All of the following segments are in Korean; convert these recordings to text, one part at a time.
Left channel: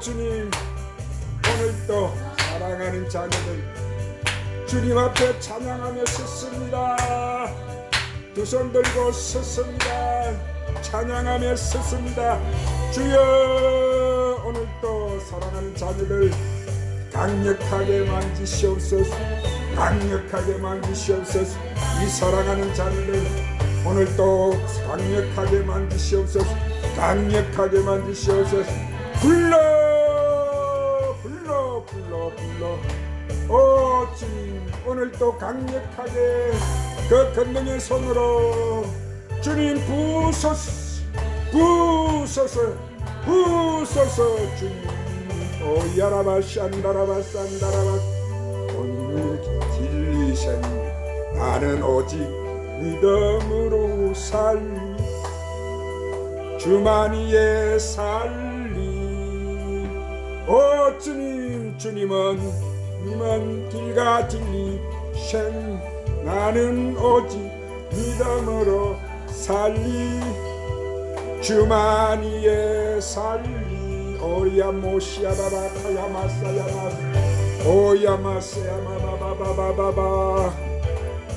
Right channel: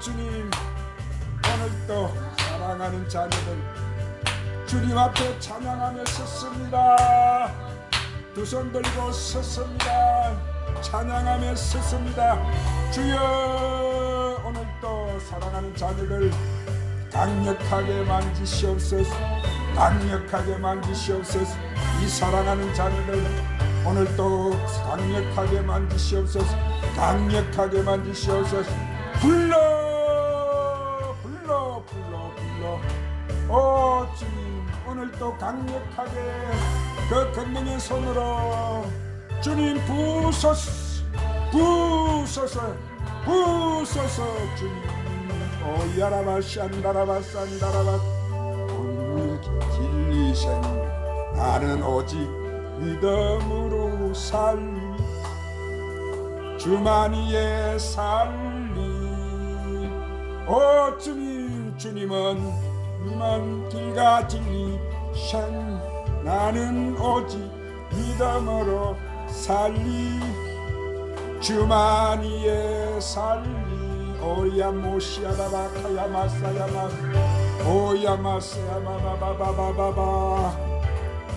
오 주님 오늘도 사랑하는 자녀들 주님 앞에 찬양하며 섰습니다. 두 손 들고 섰습니다. 찬양하며 섰습니다. 주여 오늘도 사랑하는 자녀들 강력하게 만지시옵소서. 강력하게 만지시옵소서. 이 사랑하는 자녀들 오늘도 강력하게 만지시옵소서. 강력하게 만지시옵소서. 불러 불러 오늘도 강력하게 그 건너의 손으로 주님 부소서 부소서 부소서 주님. 오 야라바 샨다라바 싼다라바 오늘 진리신 나는 오직 믿음으로 살리 주만이의 살리. 오 주님 주님은 길과 진리신 나는 오직 믿음으로 살리. 주만이의 살리. 오야 모시아라바카야 마사야마 오야 마사야마바바바바바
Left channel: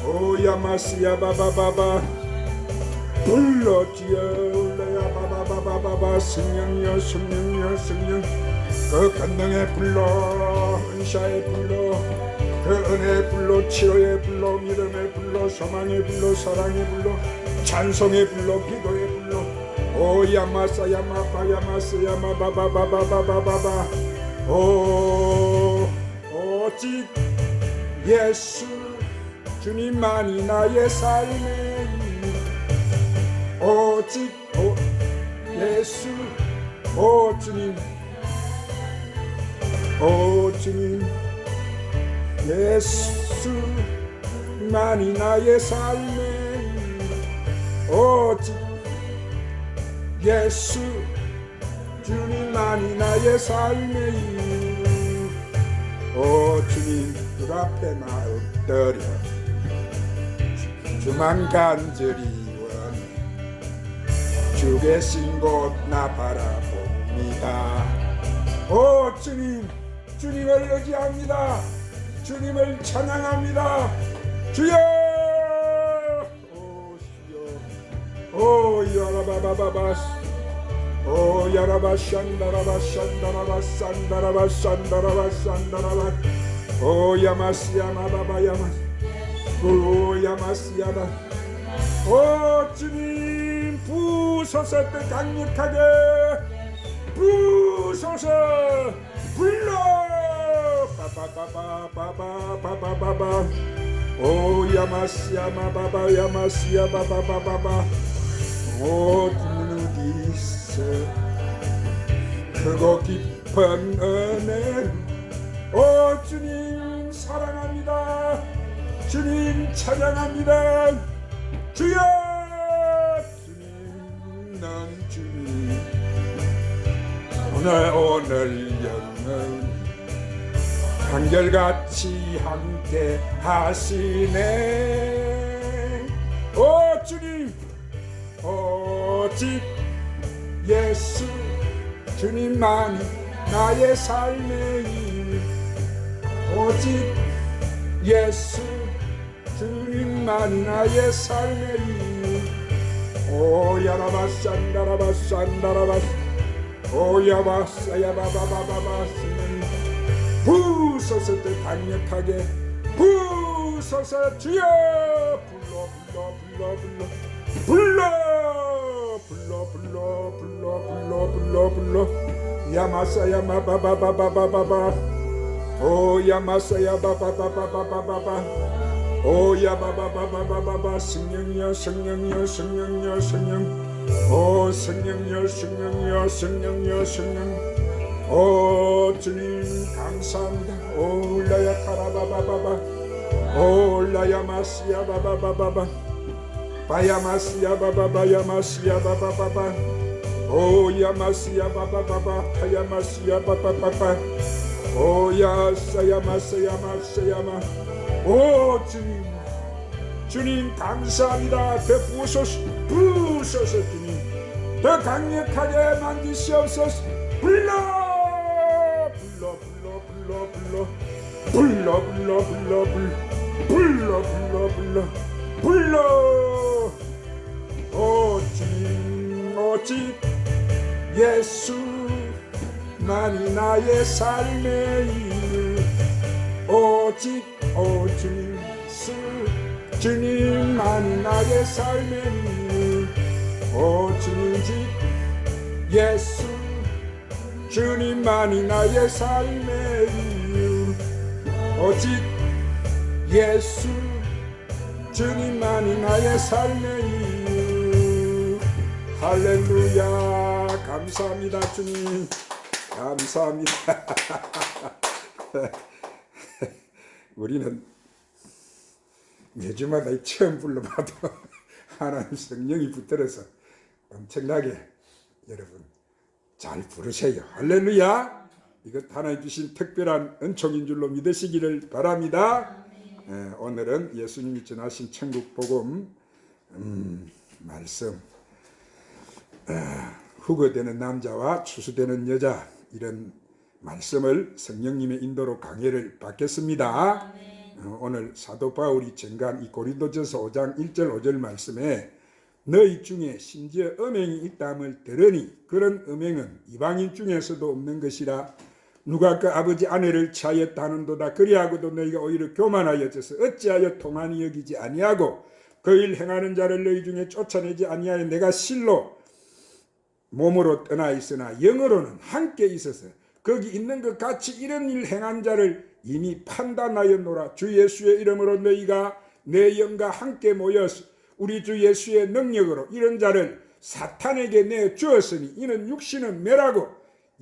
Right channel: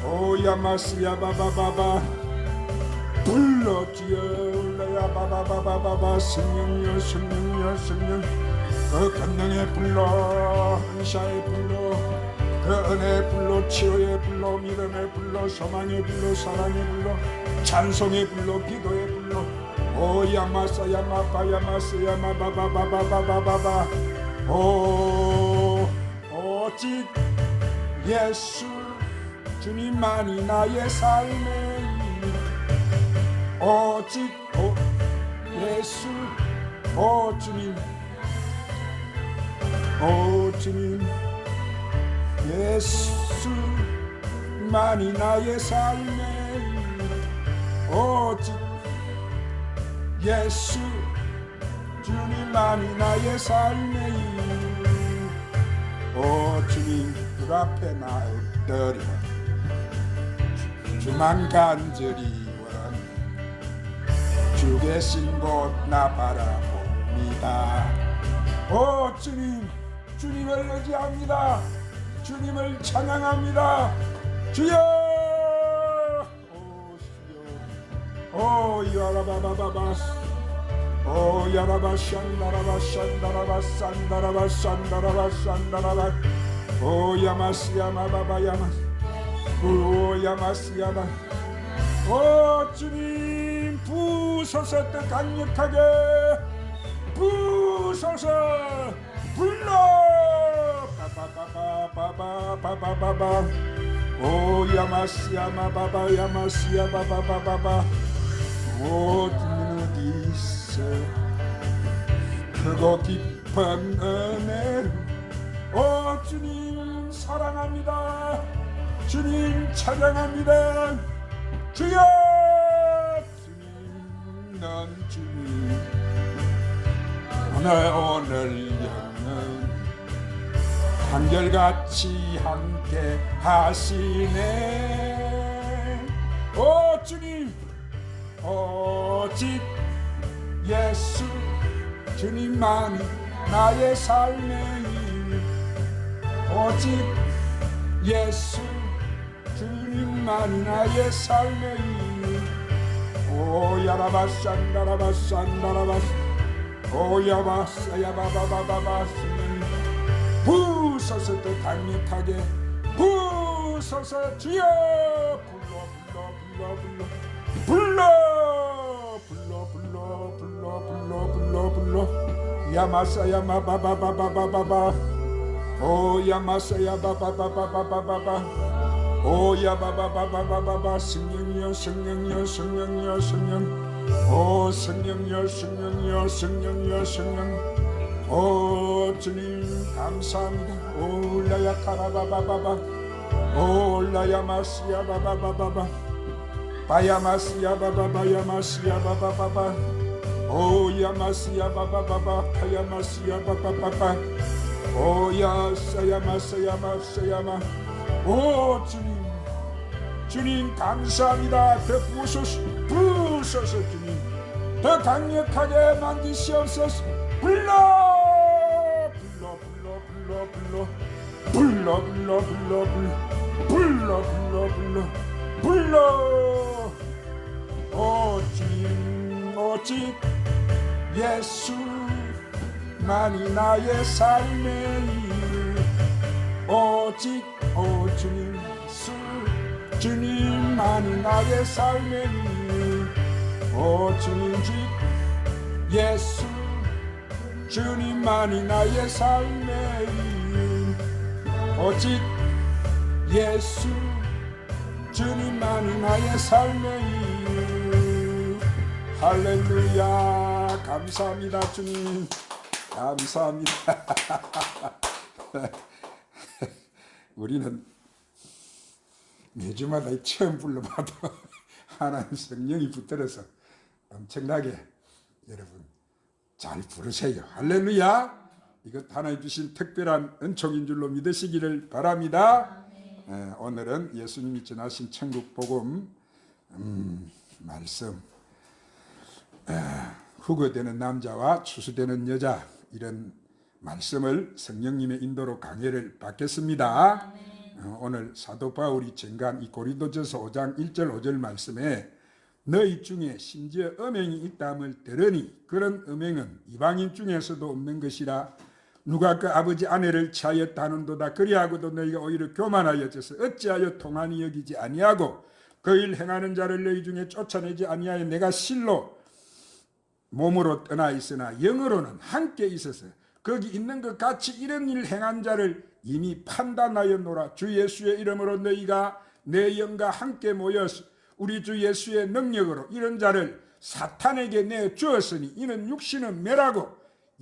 오야 마시야 바바바바. 불러주여 바바바바바바. 승령이여 승령이여 승령. 그 건능의 불러 은샤의 불러 그 은혜의 불러 치료의 불러 믿음의 불러 소망의 불러 사랑의 불러 찬송의 불러 기도의 불러 오야마사 야마바야마스 야마바바바바바바바. 오 오직 예수 주님만이 나의 삶에 오직 오 예수 오 주님 오 주님 예수만이 나의 삶에 오직 예수 주님만이 나의 삶에 오 주님 그 앞에 나 엎드려 주만 간절히 원하네 주 계신 곳 나 바라봅니다. 오 주님 주님을 의지합니다. 주님을 찬양합니다. 주여! 오 주여. 오 야라바바바바 오 싼다라바 오 야마스야마 오 주님 부소서 또 강력하게 바바 야마스야바바바바바 오 주님 있어 크고 깊은 오 주님 사랑합니다. 주님 찬양합니다. 주여! 주님 난 주님. 오늘 오늘 영원 한결같이 함께 하시네 오직 예수 주님만이 나의 삶의 일. 오직 예수 주님만이 나의 삶의 일. 오야라바 산다라바 산다라바 오야바 사 야바바바바바 부서서 또 강력하게 부서서 주여 불러 야마사야마 바바바바바바바 오 야마사야 바바바바바바바바 오 야바바바바바바바 성령이여 성령이여 성령이여 성령 오 성령이여 성령이여 성령이여 성령 오 주님 감사합니다 오 울라야 카라바바바바 오 울라야 마시야 바바바바바 바야마시야 바바바야마시야 바바바바 Oh Yamasiya Baba Baba Hayamasiya Baba Baba Oh Yasayama Sayama Sayama Oh 주님. 주님 감사합니다. 베푸소서 부으소서 주님. 더 강력하게 만드시옵소서. 불러 불러 불러 불러 불러. 불러 불러 불러 불러 불러 불러 불러. 불러. 오 주님 오직 예수만이 나의 삶의 일 오직 오직 예수 주님만이 나의 삶의 일 오직 예수 주님만이 나의 삶의 이유 오직 예수 주님만이 나의 삶의 이유 할렐루야 감사합니다 주님 감사합니다 우리는 매주마다 이 처음 불러봐도 하나님 성령이 붙들어서 엄청나게 여러분 잘 부르세요. 할렐루야. 이것 하나님 주신 특별한 은총인 줄로 믿으시기를 바랍니다. 예, 오늘은 예수님이 전하신 천국 복음 음, 말씀 아, 후거되는 남자와 추수되는 여자 이런 말씀을 성령님의 인도로 강해를 받겠습니다. 어, 오늘 사도 바울이 전간 이 고린도전서 5장 1절 5절 말씀에 너희 중에 심지어 음행이 있다함을 들으니 그런 음행은 이방인 중에서도 없는 것이라 누가 그 아버지 아내를 취하였다 하는도다 그리하고도 너희가 오히려 교만하여져서 어찌하여 통한이 여기지 아니하고 그 일 행하는 자를 너희 중에 쫓아내지 아니하여 내가 실로 몸으로 떠나 있으나 영으로는 함께 있어서 거기 있는 것 같이 이런 일 행한 자를 이미 판단하였노라 주 예수의 이름으로 너희가 내 영과 함께 모여서 우리 주 예수의 능력으로 이런 자를 사탄에게 내 주었으니 이는 육신은 멸하고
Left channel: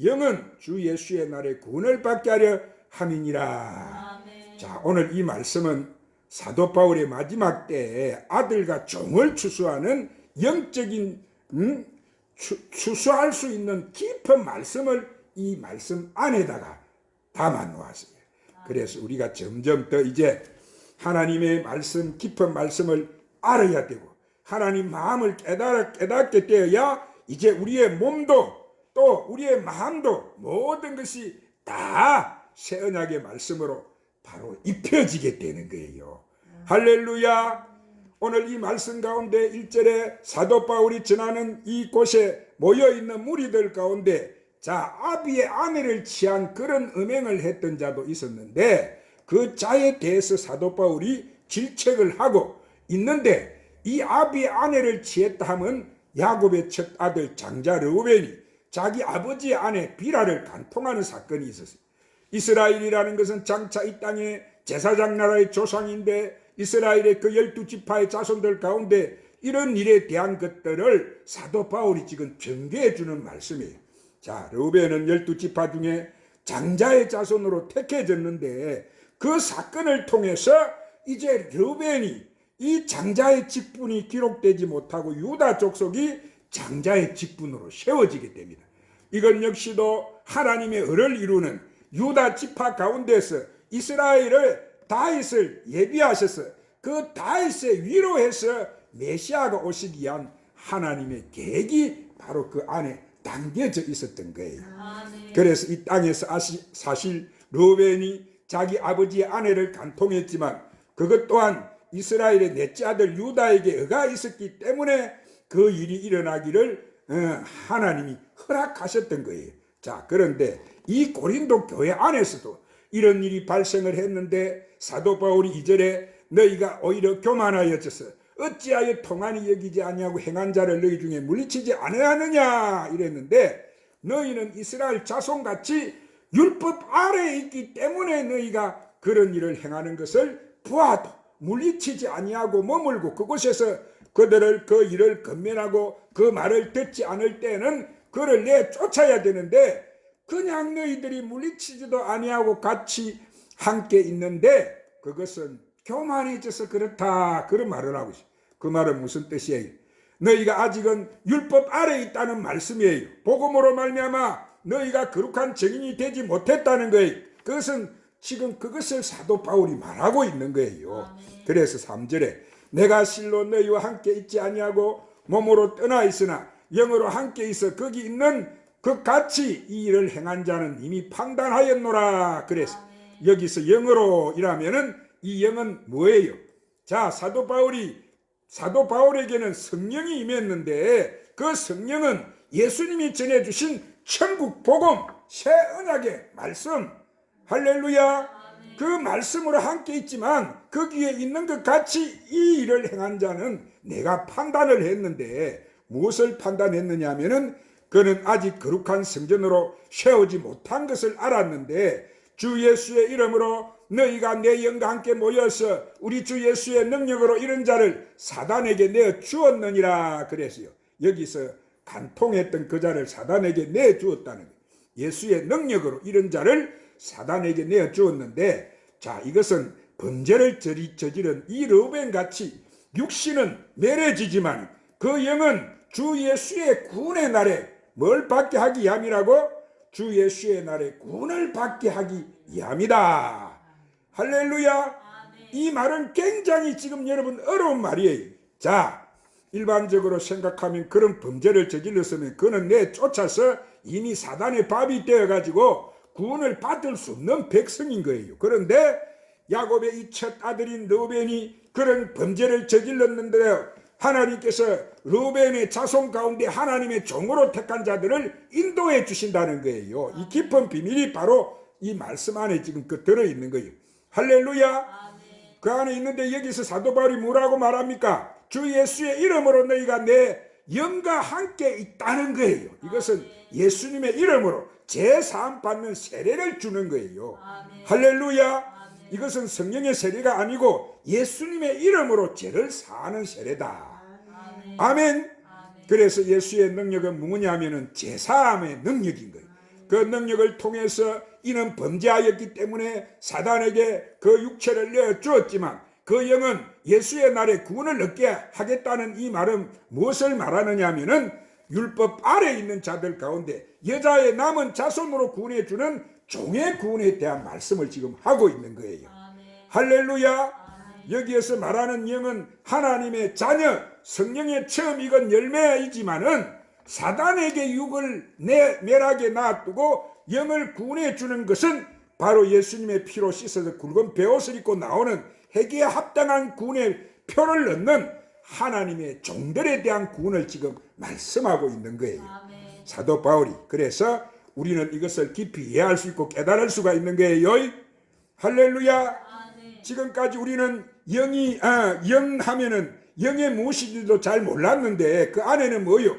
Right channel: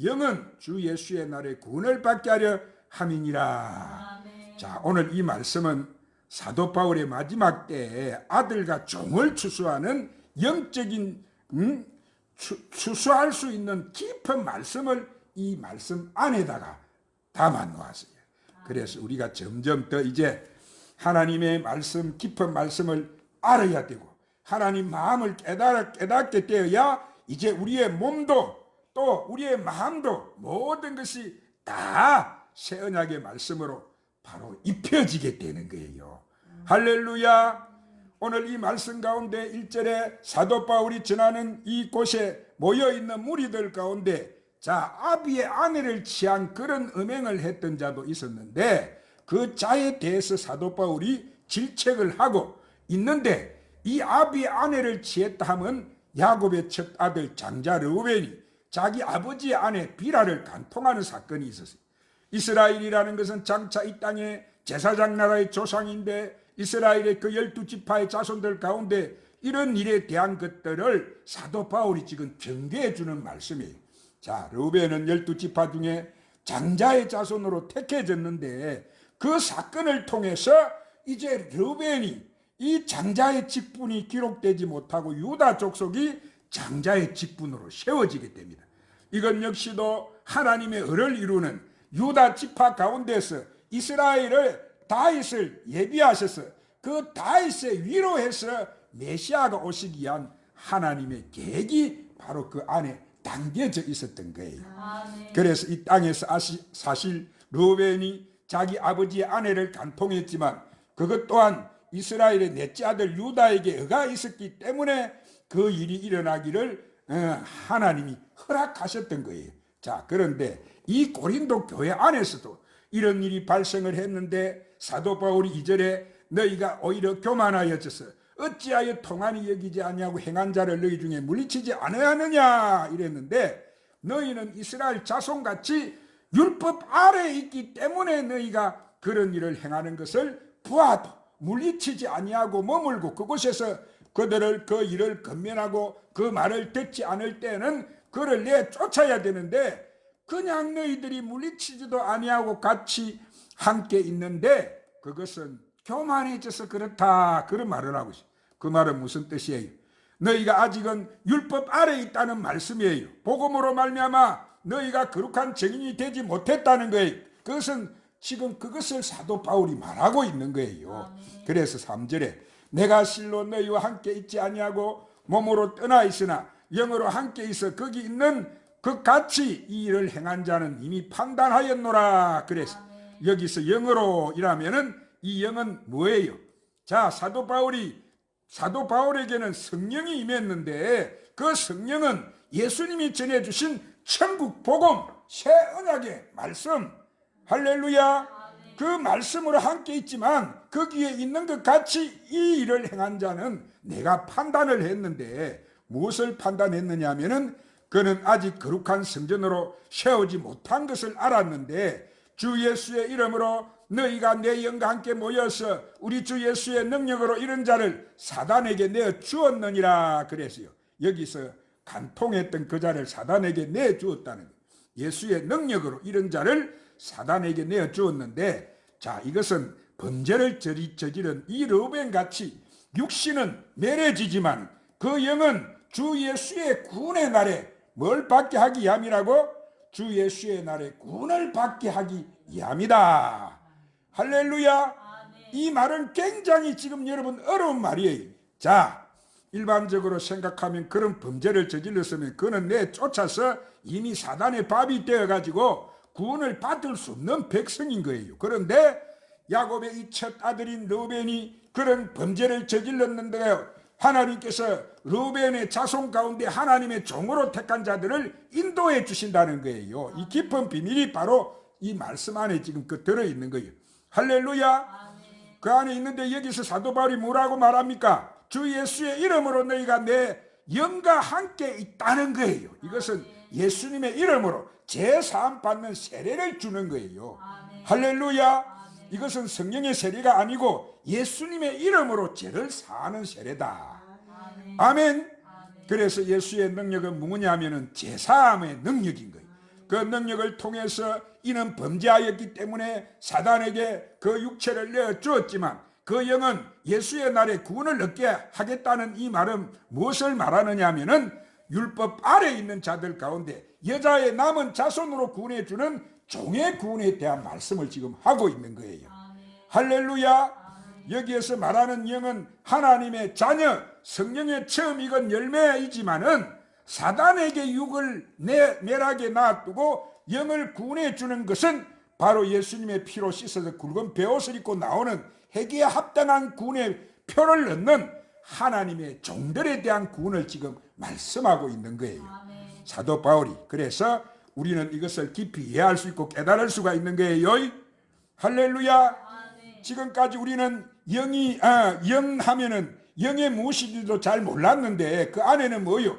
영은 주 예수의 날에 구원을 받게 하려 함이니라. 자, 오늘 이 말씀은 사도 바울의 마지막 때에 아들과 종을 추수하는 영적인 음, 추, 추수할 수 있는 깊은 말씀을 이 말씀 안에다가 담아 놓았어요. 그래서 우리가 점점 더 이제 하나님의 말씀 깊은 말씀을 알아야 되고 하나님 마음을 깨달아 깨닫게 되어야 이제 우리의 몸도 또 우리의 마음도 모든 것이 다 새 언약의 말씀으로 바로 입혀지게 되는 거예요. 할렐루야. 오늘 이 말씀 가운데 1절에 사도 바울이 전하는 이곳에 모여 있는 무리들 가운데 자, 아비의 아내를 취한 그런 음행을 했던 자도 있었는데 그 자에 대해서 사도 바울이 질책을 하고 있는데 이 아비의 아내를 취했다 하면 야곱의 첫 아들 장자 르우벤이 자기 아버지의 아내 비라를 간통하는 사건이 있었어요. 이스라엘이라는 것은 장차 이 땅의 제사장 나라의 조상인데 이스라엘의 그 열두 지파의 자손들 가운데 이런 일에 대한 것들을 사도 바울이 지금 경계해 주는 말씀이에요. 자, 르우벤은 열두 지파 중에 장자의 자손으로 택해졌는데 그 사건을 통해서 이제 르우벤이 이 장자의 직분이 기록되지 못하고 유다 족속이 장자의 직분으로 세워지게 됩니다. 이건 역시도 하나님의 을을 이루는 유다 지파 가운데서 이스라엘을 다윗을 예비하셔서 그 다윗의 위로해서 메시아가 오시기 위한 하나님의 계획이 바로 그 안에 담겨져 있었던 거예요. 그래서 이 땅에서 사실 루벤이 자기 아버지의 아내를 간통했지만 그것 또한 이스라엘의 넷째 아들 유다에게 의가 있었기 때문에 그 일이 일어나기를 어, 하나님이 허락하셨던 거예요. 자, 그런데 이 고린도 교회 안에서도 이런 일이 발생을 했는데 사도 바울이 이절에 너희가 오히려 교만하여져서 어찌하여 통한이 여기지 아니하고 행한 자를 너희 중에 물리치지 않아야느냐 이랬는데 너희는 이스라엘 자손같이 율법 아래에 있기 때문에 너희가 그런 일을 행하는 것을 부하도 물리치지 아니하고 머물고 그곳에서 그들을 그 일을 건면하고 그 말을 듣지 않을 때는 그를 내쫓아야 되는데 그냥 너희들이 물리치지도 아니하고 같이 함께 있는데 그것은 교만해져서 그렇다 그런 말을 하고 있어요. 그 말은 무슨 뜻이에요? 너희가 아직은 율법 아래에 있다는 말씀이에요. 복음으로 말미암아 너희가 거룩한 증인이 되지 못했다는 거예요. 그것은 지금 그것을 사도 바울이 말하고 있는 거예요. 그래서 3절에 내가 실로 너희와 함께 있지 아니하고 몸으로 떠나 있으나 영으로 함께 있어 거기 있는 그 같이 이 일을 행한 자는 이미 판단하였노라 그래서 여기서 영으로 이라면은 이 영은 뭐예요? 자, 사도 바울이 사도 바울에게는 성령이 임했는데 그 성령은 예수님이 전해 주신 천국 복음 새 언약의 말씀 할렐루야 그 말씀으로 함께 있지만 거기에 있는 것 같이 이 일을 행한 자는 내가 판단을 했는데 무엇을 판단했느냐 하면은 그는 아직 거룩한 성전으로 세우지 못한 것을 알았는데 주 예수의 이름으로 너희가 내 영과 함께 모여서 우리 주 예수의 능력으로 이런 자를 사단에게 내어 주었느니라 그랬어요. 여기서 간통했던 그 자를 사단에게 내 주었다는 거예요. 예수의 능력으로 이런 자를 사단에게 내어 주었는데 자 이것은 저지- 저지른 이 러벤 같이 육신은 내려지지만 그 영은 주 예수의 구원의 날에 뭘 받게 하기 위함이라고 주 예수의 날에 구원을 받게 하기 위함이다. 할렐루야. 이 말은 굉장히 지금 여러분 어려운 말이에요. 자, 일반적으로 생각하면 그런 범죄를 저질렀으면 그는 내 쫓아서 이미 사단의 밥이 되어가지고 구원을 받을 수 없는 백성인 거예요. 그런데 야곱의 이 첫 아들인 르벤이 그런 범죄를 저질렀는데 하나님께서 르벤의 자손 가운데 하나님의 종으로 택한 자들을 인도해 주신다는 거예요. 이 깊은 비밀이 바로 이 말씀 안에 지금 그 들어 있는 거예요. 할렐루야. 그 안에 있는데 여기서 사도 바울이 뭐라고 말합니까? 주 예수의 이름으로 너희가 내 영과 함께 있다는 거예요. 이것은 예수님의 이름으로 제사함 받는 세례를 주는 거예요. 할렐루야. 이것은 성령의 세례가 아니고 예수님의 이름으로 죄를 사하는 세례다. 아멘. 그래서 예수의 능력은 뭐냐면은 제사함의 능력인 거예요. 그 능력을 통해서 이는 범죄하였기 때문에 사단에게 그 육체를 내어 주었지만 그 영은 예수의 날에 구원을 얻게 하겠다는 이 말은 무엇을 말하느냐 하면은 율법 아래 있는 자들 가운데 여자의 남은 자손으로 구원해 주는 종의 구원에 대한 말씀을 지금 하고 있는 거예요. 할렐루야. 여기에서 말하는 영은 하나님의 자녀, 성령의 처음 익은 열매이지만은 사단에게 육을 내 멸하게 놔두고 영을 구원해 주는 것은 바로 예수님의 피로 씻어서 굵은 베옷을 입고 나오는 회개에 합당한 구원의 표를 넣는 하나님의 종들에 대한 구원을 지금 말씀하고 있는 거예요. 사도 바울이 그래서 우리는 이것을 깊이 이해할 수 있고 깨달을 수가 있는 거예요. 할렐루야. 지금까지 우리는 영이 아, 영 하면은 영의 무엇인지도 잘 몰랐는데 그 안에는 뭐요?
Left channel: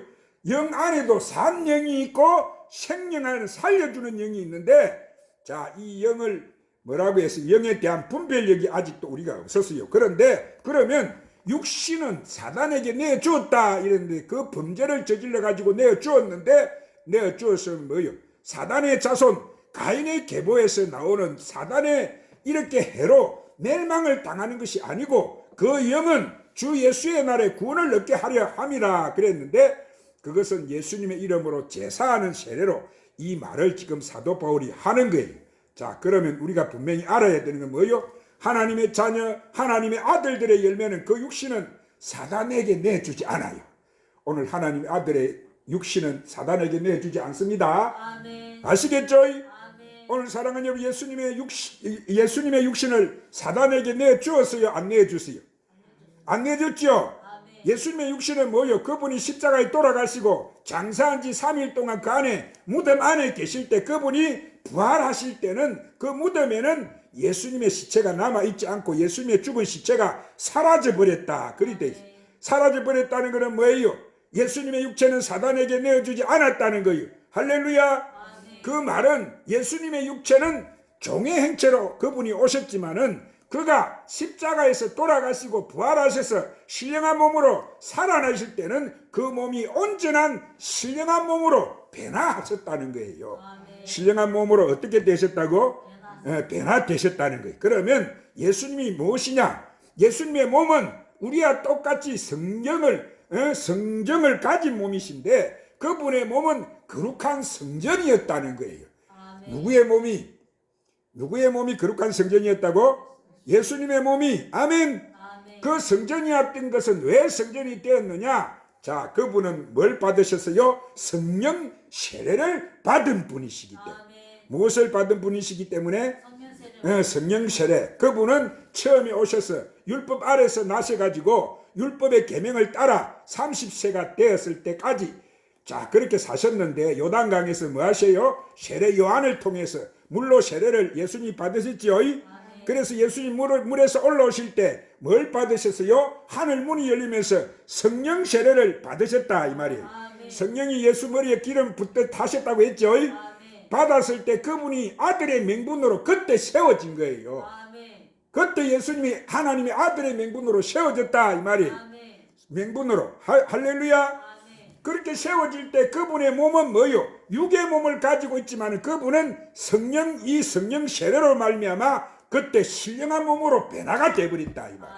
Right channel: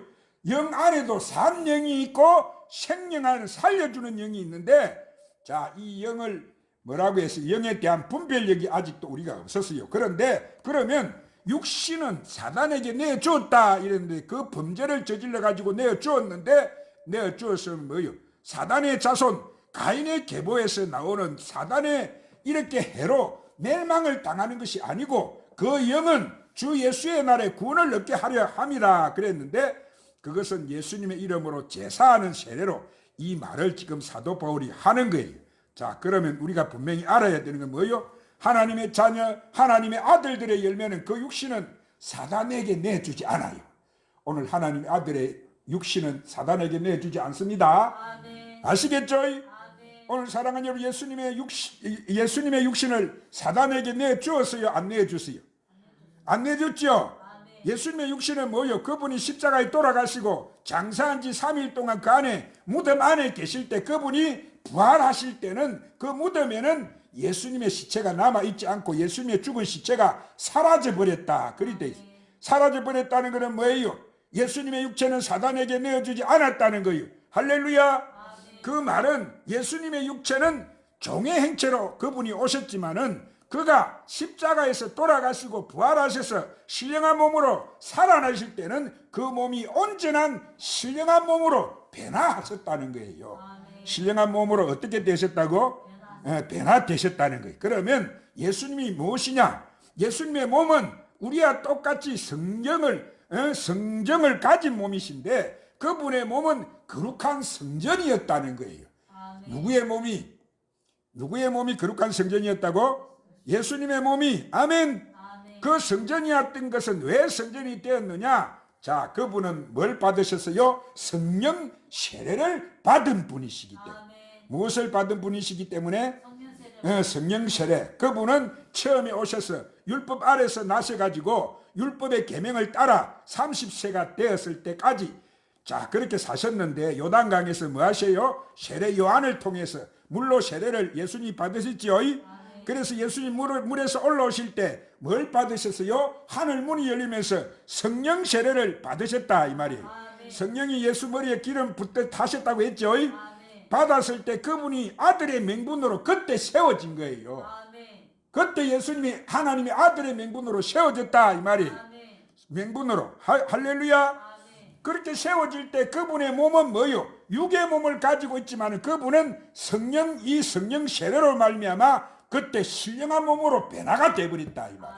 영 안에도 산 영이 있고 생명을 살려주는 영이 있는데 자 이 영을 뭐라고 해서 영에 대한 분별력이 아직도 우리가 없었어요. 그런데 그러면 육신은 사단에게 내주었다 이랬는데 그 범죄를 저질러 가지고 내주었는데 내주었으면 뭐요? 사단의 자손 가인의 계보에서 나오는 사단의 이렇게 해로 멸망을 당하는 것이 아니고 그 영은 주 예수의 날에 구원을 얻게 하려 함이라 그랬는데 그것은 예수님의 이름으로 제사하는 세례로 이 말을 지금 사도 바울이 하는 거예요. 자, 그러면 우리가 분명히 알아야 되는 건 뭐예요? 하나님의 자녀, 하나님의 아들들의 열매는 그 육신은 사단에게 내주지 않아요. 오늘 하나님의 아들의 육신은 사단에게 내주지 않습니다. 아멘. 아시겠죠? 아멘. 오늘 사랑하는 여러분 예수님의 육신 예수님의 육신을 사단에게 내 주었어요 안 내주세요 안 내줬죠 아멘. 예수님의 육신은 뭐요? 그분이 십자가에 돌아가시고 장사한 지 3일 동안 그 안에 무덤 안에 계실 때 그분이 부활하실 때는 그 무덤에는 예수님의 시체가 남아 있지 않고 예수님의 죽은 시체가 사라져 버렸다. 그리 돼 있어요. 사라져 버렸다는 것은 뭐예요? 예수님의 육체는 사단에게 내어주지 않았다는 거예요. 할렐루야. 그 말은 예수님의 육체는 종의 행체로 그분이 오셨지만은 그가 십자가에서 돌아가시고 부활하셔서 신령한 몸으로 살아나실 때는 그 몸이 온전한 신령한 몸으로 변화하셨다는 거예요. 신령한 몸으로 어떻게 되셨다고? 예, 변화되셨다는 거예요. 그러면 예수님이 무엇이냐? 예수님의 몸은 우리와 똑같이 성경을 어, 성정을 가진 몸이신데 그분의 몸은 거룩한 성전이었다는 거예요. 아멘. 누구의 몸이 누구의 몸이 거룩한 성전이었다고? 예수님의 몸이 아멘. 아멘. 그 성전이었던 것은 왜 성전이 되었느냐? 자, 그분은 뭘 받으셨어요? 성령 세례를 받은 분이시기 때문에. 아멘. 무엇을 받은 분이시기 때문에? 어, 성령 세례 그분은 처음에 오셔서 율법 아래서 나셔가지고 율법의 계명을 따라 30세가 되었을 때까지 자 그렇게 사셨는데 요단강에서 뭐 하세요? 세례 요한을 통해서 물로 세례를 예수님이 받으셨지요. 그래서 예수님 물, 물에서 올라오실 때 뭘 받으셨어요? 하늘 문이 열리면서 성령 세례를 받으셨다 이 말이에요. 아멘. 성령이 예수 머리에 기름 붓듯 타셨다고 했죠. 아멘. 받았을 때 그분이 아들의 명분으로 그때 세워진 거예요. 아멘. 그때 예수님이 하나님의 아들의 명분으로 세워졌다 이 말이에요. 아멘. 명분으로 하- 할렐루야. 그렇게 세워질 때 그분의 몸은 뭐요? 육의 몸을 가지고 있지만 그분은 성령 이 성령 세례로 말미암아 그때 신령한 몸으로 변화가 되버렸다 이 말.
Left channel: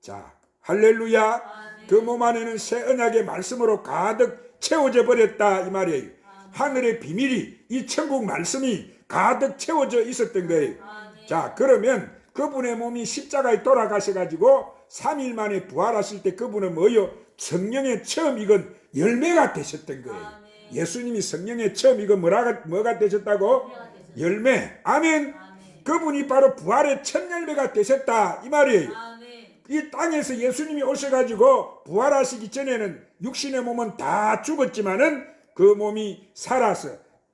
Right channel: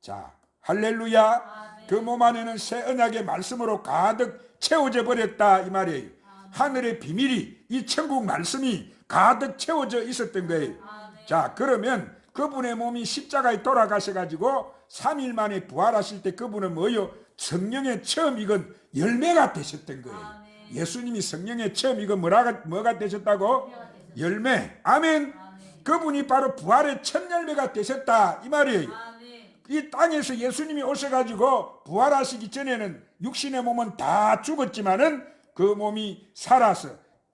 자 할렐루야. 그 몸 안에는 새 언약의 말씀으로 가득 채워져 버렸다 이 말이에요. 하늘의 비밀이 이 천국 말씀이 가득 채워져 있었던 거예요. 아멘. 자 그러면 그분의 몸이 십자가에 돌아가셔 가지고 3일 만에 부활하실 때 그분은 뭐요? 성령의 처음 익은 열매가 되셨던 거예요. 아멘. 예수님이 성령의 처음 익은 뭐라가 뭐가 되셨다고? 열매. 아멘. 그분이 바로 부활의 첫 열매가 되셨다 이 말이에요. 아멘. 이 땅에서 예수님이 오셔가지고 부활하시기 전에는 육신의 몸은 다 죽었지만은 그 몸이 살아서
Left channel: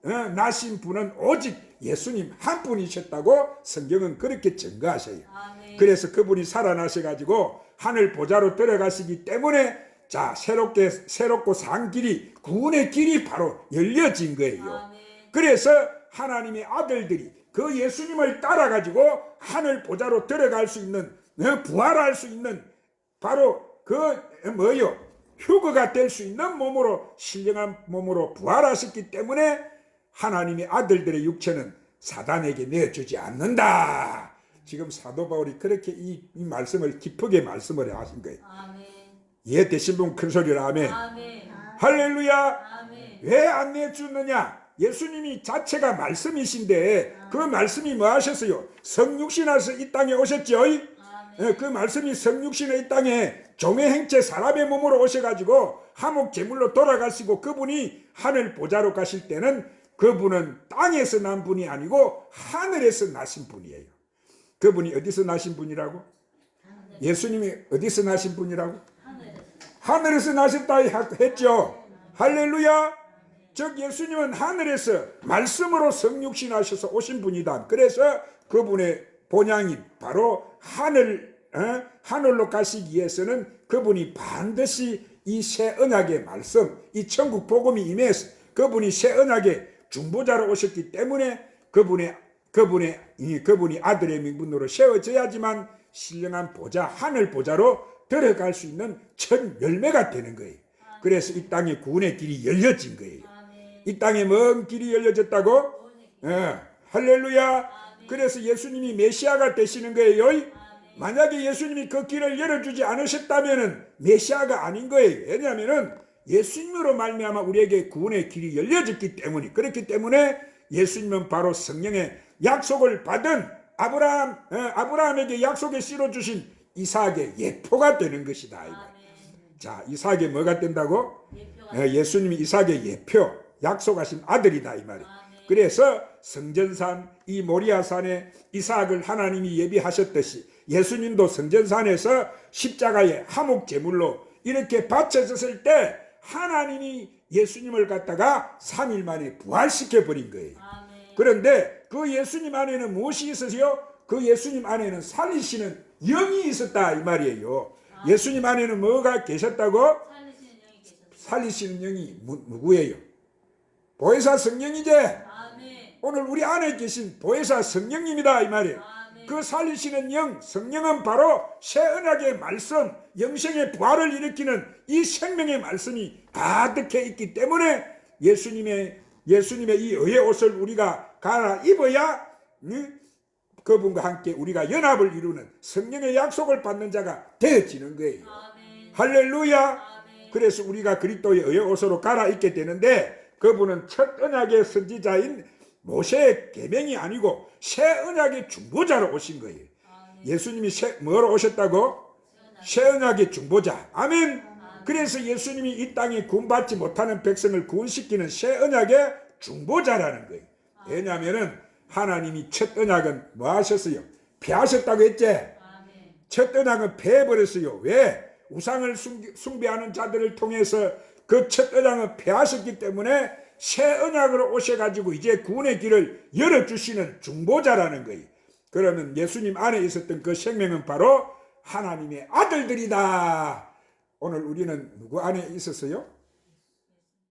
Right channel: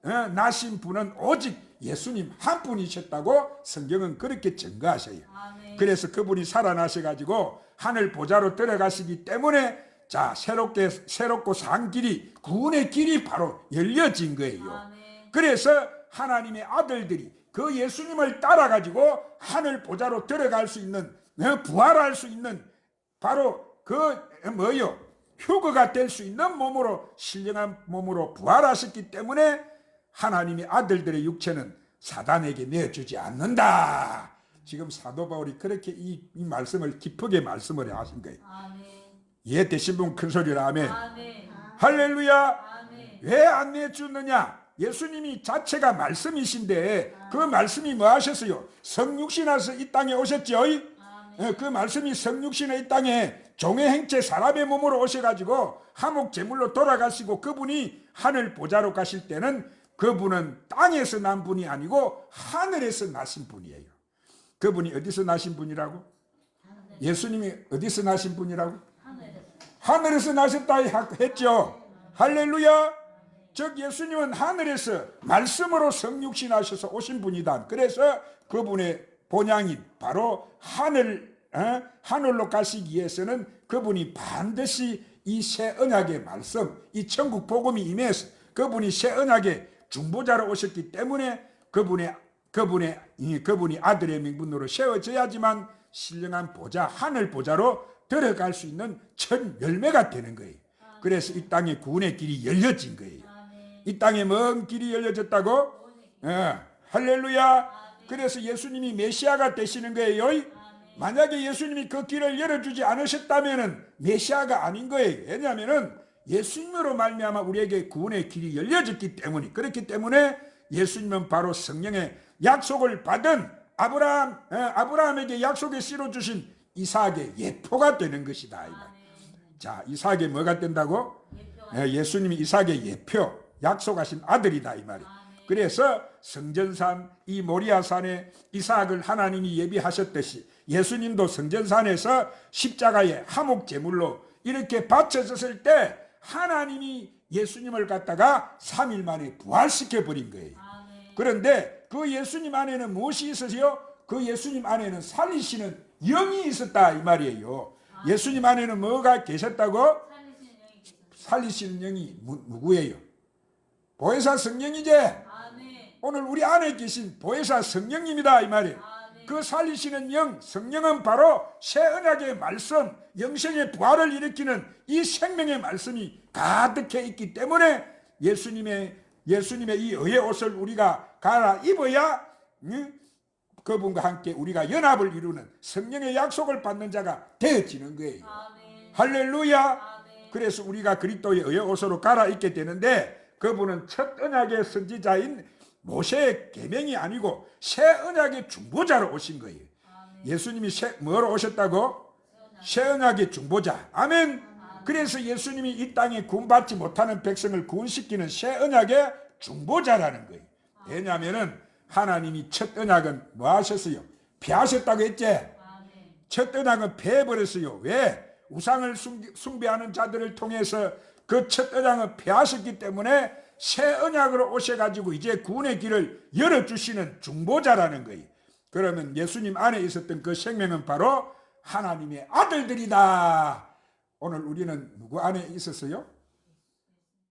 어, 나신 분은 오직 예수님 한 분이셨다고 성경은 그렇게 증거하셔요. 아멘. 그래서 그분이 살아나셔가지고 하늘 보좌로 들어가시기 때문에 자 새롭게 새롭고 산 길이 구원의 길이 바로 열려진 거예요. 아멘. 그래서 하나님의 아들들이 그 예수님을 따라가지고 하늘 보좌로 들어갈 수 있는 어, 부활할 수 있는 바로 그 뭐요 휴거가 될 수 있는 몸으로 신령한 몸으로 부활하셨기 때문에 하나님의 아들들의 육체는 사단에게 내주지 않는다. 지금 사도 바울이 그렇게 이, 이 말씀을 깊게 말씀을 하신 거예요. 아멘. 이해되신 분큰 소리로 아멘. 아멘. 할렐루야. 왜 안 내주느냐? 예수님이 자체가 말씀이신데 그 말씀이 뭐 하셨어요? 성육신하서 이 땅에 오셨죠? 아멘. 예, 그 말씀이 성육신의 이 땅에 종의 행체 사람의 몸으로 오셔가지고 하목 제물로 돌아가시고 그분이 하늘 보좌로 가실 때는 그분은 땅에서 난 분이 아니고 하늘에서 나신 분이에요. 그분이 어디서 나신 분이라고? 예수님이 어디서 나신 분이라고? 하늘에서. 하늘에서 나셨다 했죠. 할렐루야. 즉 예수님은 하늘에서 말씀으로 성육신하셔서 오신 분이다. 그래서 그분의 본향이 바로 하늘 어? 하늘로 가시기 위해서는 그분이 반드시 이 새 언약의 말씀, 이 천국 복음이 임해서 그분이 새 언약의 중보자로 오셨기 때문에 그분의 그분의 이 그분이 아들의 명분으로 세워져야지만 신령한 보좌 하늘 보좌로 들어갈 수 있는 첫 열매가 되는 거예요. 그래서 이 땅에 구원의 길이 열려진 거예요. 이 땅에 먼 길이 열려졌다고? 예, 할렐루야. 그래서 예수님이 메시아가 되시는 거예요. 만약에 예수님이 그 길을 열어주지 않으셨다면은 메시아가 아닌 거예요. 왜냐하면은 예수님으로 말미암아 우리에게 구원의 길이 열려졌기 때문에 그렇기 때문에 예수님은 바로 성령의 약속을 받은 아브라함 예, 아브라함에게 약속에 실어 주신 이삭의 예표가 되는 것이다. 자, 이삭의 뭐가 된다고? 예, 예수님이 이삭의 예표, 약속하신 아들이다 이 말이에요. 그래서 성전산 이 모리아산에 이삭을 하나님이 예비하셨듯이 예수님도 성전산에서 십자가의 화목 제물로 이렇게 바쳐졌을 때 하나님이 예수님을 갖다가 3일 만에 부활시켜 버린 거예요. 아멘. 그런데 그 예수님 안에는 무엇이 있으세요? 그 예수님 안에는 살리시는 영이 있었다 이 말이에요. 예수님 안에는 뭐가 계셨다고? 살리시는 영이. 살리시는 영이 무, 누구예요? 보혜사 성령이제. 오늘 우리 안에 계신 보혜사 성령입니다 이 말이에요. 그 살리시는 영 성령은 바로 새 언약의 말씀 영생의 부활을 일으키는 이 생명의 말씀이 가득해 있기 때문에 예수님의 예수님의 이 의의 옷을 우리가 갈아 입어야 응? 그분과 함께 우리가 연합을 이루는 성령의 약속을 받는 자가 되어지는 거예요. 할렐루야. 그래서 우리가 그리스도의 의의 옷으로 갈아 입게 되는데 그분은 첫 언약의 선지자인 모세의 계명이 아니고 새 언약의 중보자로 오신 거예요. 아멘. 예수님이 새, 뭐로 오셨다고? 새 언약의 중보자. 아멘. 그래서 예수님이 이 땅에 구원받지 못하는 백성을 구원시키는 새 언약의 중보자라는 거예요. 왜냐하면은 하나님이 첫 언약은 뭐 하셨어요? 폐하셨다고 했지? 아멘. 첫 언약은 폐해버렸어요. 왜? 우상을 숭- 숭배하는 자들을 통해서 그 첫 언약은 폐하셨기 때문에 새 언약으로 오셔가지고 이제 구원의 길을 열어주시는 중보자라는 거예요. 그러면 예수님 안에 있었던 그 생명은 바로 하나님의 아들들이다. 오늘 우리는 누구 안에 있었어요?